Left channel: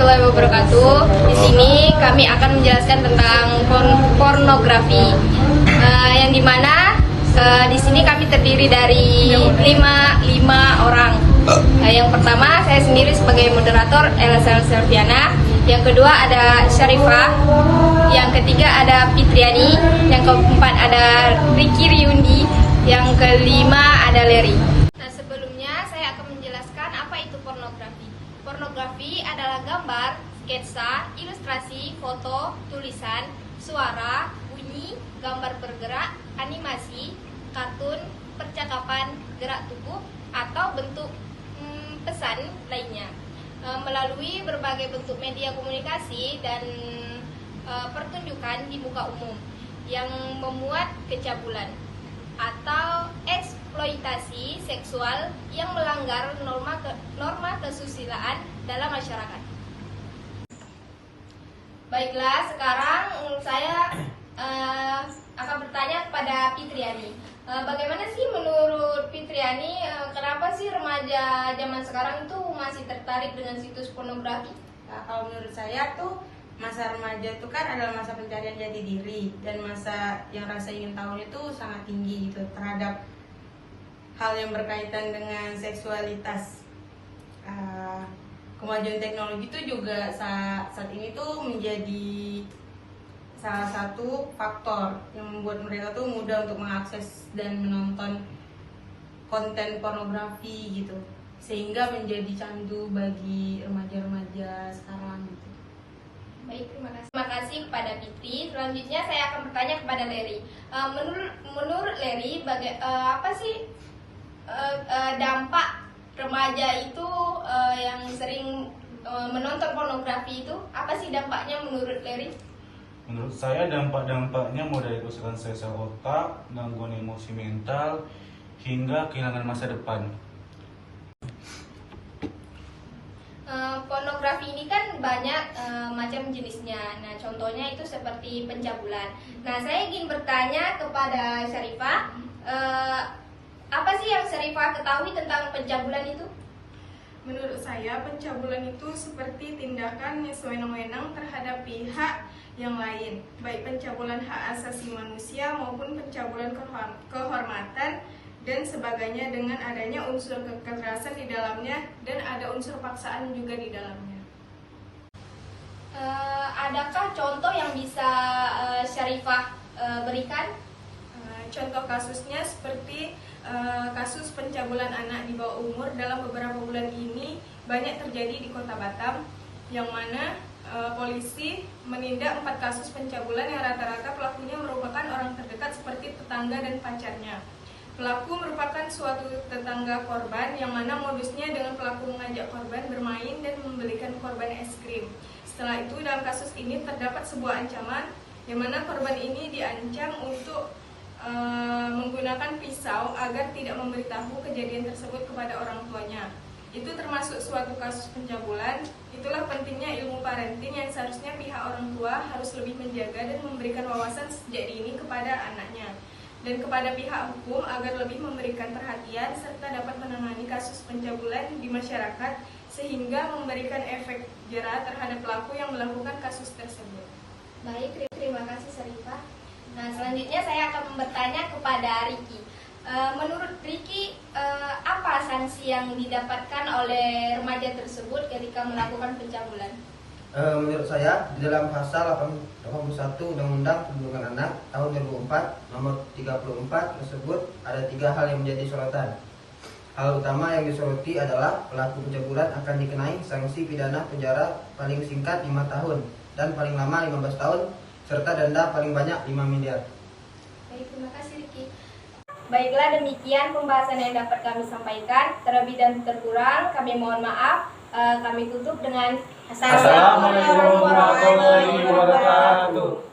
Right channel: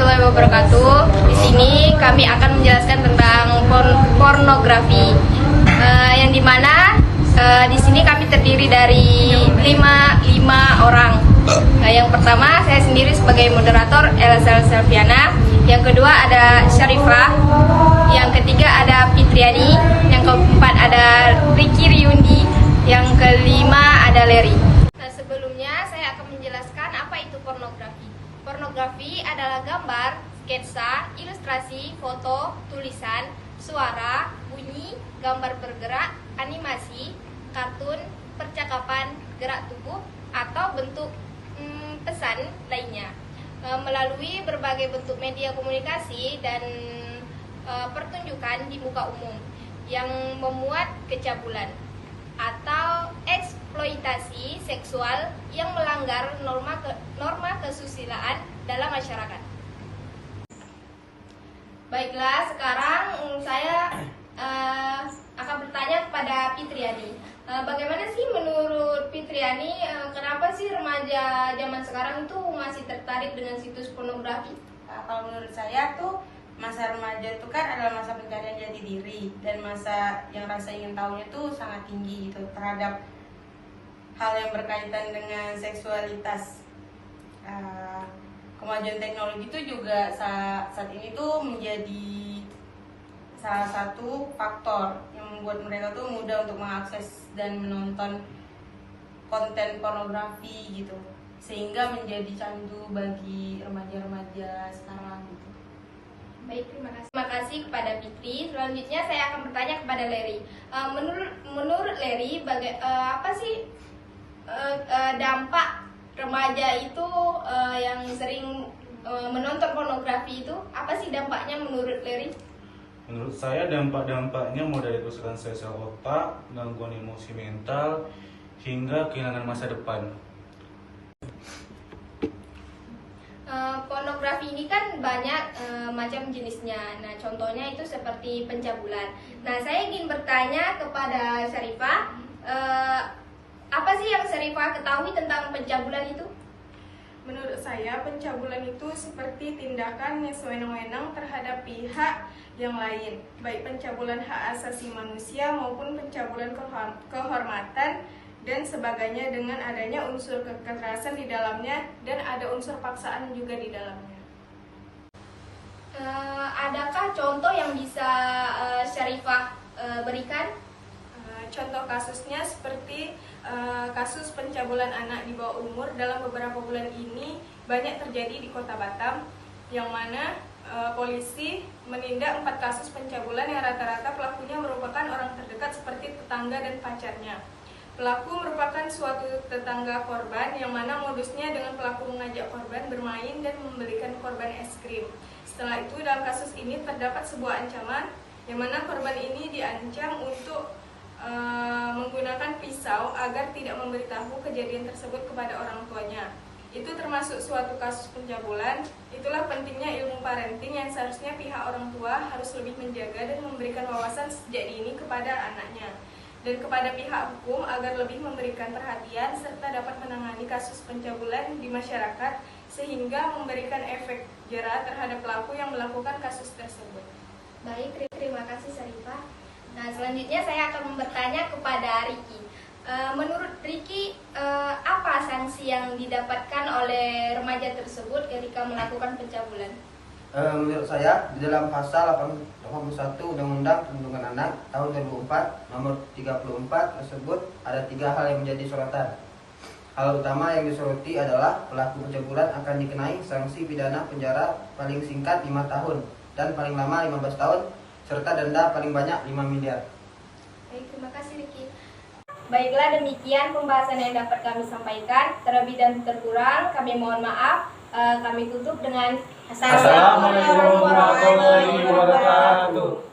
warahmatullahi wabarakatuh. Di sini kami akan menjelaskan tentang pornografi, yang dimana di sini kami terdiri dari lima orang. Yang pertama saya sendiri sebagai moderator Elsa Selviana. Yang kedua ada Syarifah. Yang ketiga ada Fitriani. Yang keempat ada Ricky Riundi. Yang kelima ada Leri. Nah, sebelumnya saya akan menjelaskan apa itu pornografi. Pornografi adalah gambar, sketsa, ilustrasi, foto, tulisan, suara, bunyi, gambar bergerak, animasi, kartun, percakapan, gerak tubuh, atau bentuk pesan lainnya melalui berbagai bentuk media komunikasi dan pertunjukan di muka umum yang memuat kecabulan atau eksploitasi seksual yang melanggar norma kesusilaan dalam masyarakat. Baiklah, sekarang saya akan bertanya kepada Fitriani. Bagaimana sih menurut Fitriani, kenapa sih remaja zaman sekarang itu masih tertarik dengan situs pornografi? Nah, kalau menurut saya tuh masa remaja itu kan adalah masa pencarian jati diri dan masa yang rasa ingin tahunya tuh sangat tinggi gitu terhadap hal yang berkaitan dengan seksualitas. Kemajuan teknologi itu juga saat ini tuh menjadi salah satu faktor yang membuat mereka tuh mudah untuk mengakses dan menonton konten pornografi gitu, sehingga menjadi candu bagi remaja-remaja sekarang gitu. Baik, terima kasih kepada Fitri. Selanjutnya saya akan bertanya kepada Leri. Menurut Leri, apa sih dampak remaja itu yang sering menonton pornografi itu? Apa sih dampaknya menurut Leri? Menurut saya dampak-dampaknya mulai dari kerusakan sel otak, gangguan emosi mental, hingga kehilangan masa depan. Pornografi ini kan banyak macam jenisnya. Nah, contohnya itu seperti pencabulan. Nah, saya ingin bertanya kepada Syarifah, apa sih yang Syarifah ketahui tentang pencabulan itu? Menurut saya, pencabulan itu seperti tindakan yang sewenang-wenang terhadap pihak yang lain, baik pencabulan hak asasi manusia maupun pencabulan kehormatan dan sebagainya dengan adanya unsur kekerasan di dalamnya dan ada unsur paksaan juga di dalamnya. Adakah contoh yang bisa Syarifah berikan? Contoh kasusnya seperti kasus pencabulan anak di bawah umur dalam beberapa bulan ini banyak terjadi di Kota Batam, yang mana polisi menindak 4 kasus pencabulan yang rata-rata pelakunya merupakan orang terdekat seperti tetangga dan pacarnya. Pelaku merupakan suatu tetangga korban, yang mana modusnya dengan pelaku mengajak korban bermain dan membelikan korban es krim. Setelah itu dalam kasus ini terdapat sebuah ancaman, yang mana korban ini diancam untuk menggunakan pisau agar tidak memberitahu kejadian tersebut kepada orang tuanya. Itu termasuk suatu kasus pencabulan. Itulah pentingnya ilmu parenting yang seharusnya pihak orang tua harus lebih menjaga dan memberikan wawasan sejak dini kepada anaknya, dan kepada pihak hukum agar lebih memberikan perhatian serta dapat menangani kasus pencabulan di masyarakat sehingga memberikan efek jera terhadap pelaku yang melakukan kasus tersebut. Baik, terima kasih Syarifah. Nah, selanjutnya saya akan bertanya kepada Ricky. Menurut Ricky, apa sanksi yang didapatkan oleh remaja tersebut ketika melakukan pencabulan? Menurut saya, di dalam pasal 81 Undang-Undang Perlindungan Anak tahun 2004 nomor 34 tersebut ada 3 hal yang menjadi sorotan. Hal utama yang disoroti adalah pelaku pencabulan akan dikenai sanksi pidana penjara paling singkat 5 tahun dan paling lama 15 tahun serta denda paling banyak 5 miliar. Baik, terima kasih Ricky. Baiklah, demikian pembahasan yang dapat kami sampaikan. Terlebih dan terkurang kami mohon maaf. Kami tutup dengan Assalamualaikum warahmatullahi wabarakatuh.